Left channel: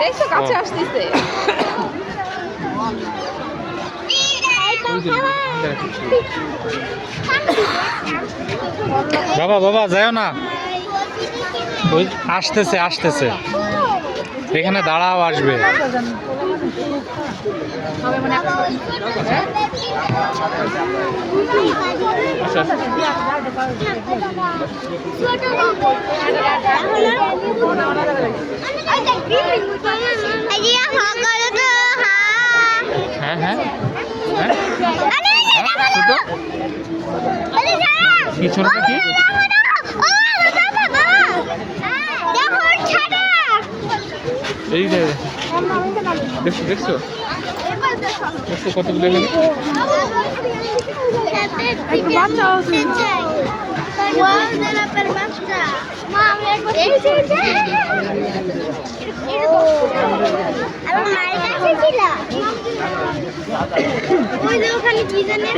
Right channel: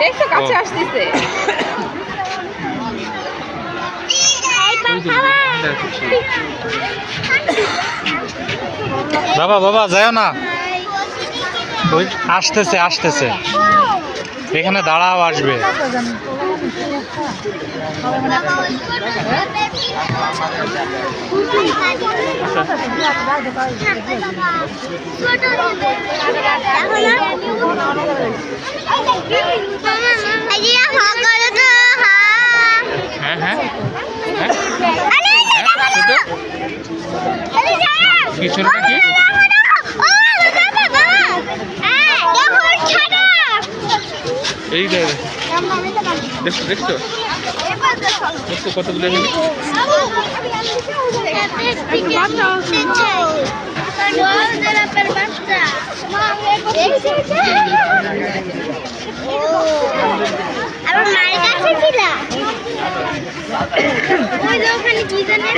দেখছো কাছে আসতেছে। বাবা বাবা যাও না, ওই আসতেছে আসতেছে, এখানে দাঁড়াও, আসবে। হ্যাঁ হ্যাঁ কিছু কি এই দেখছো দেখছো দেখছো কতগুলো এখানে। ওখানে কি জানেন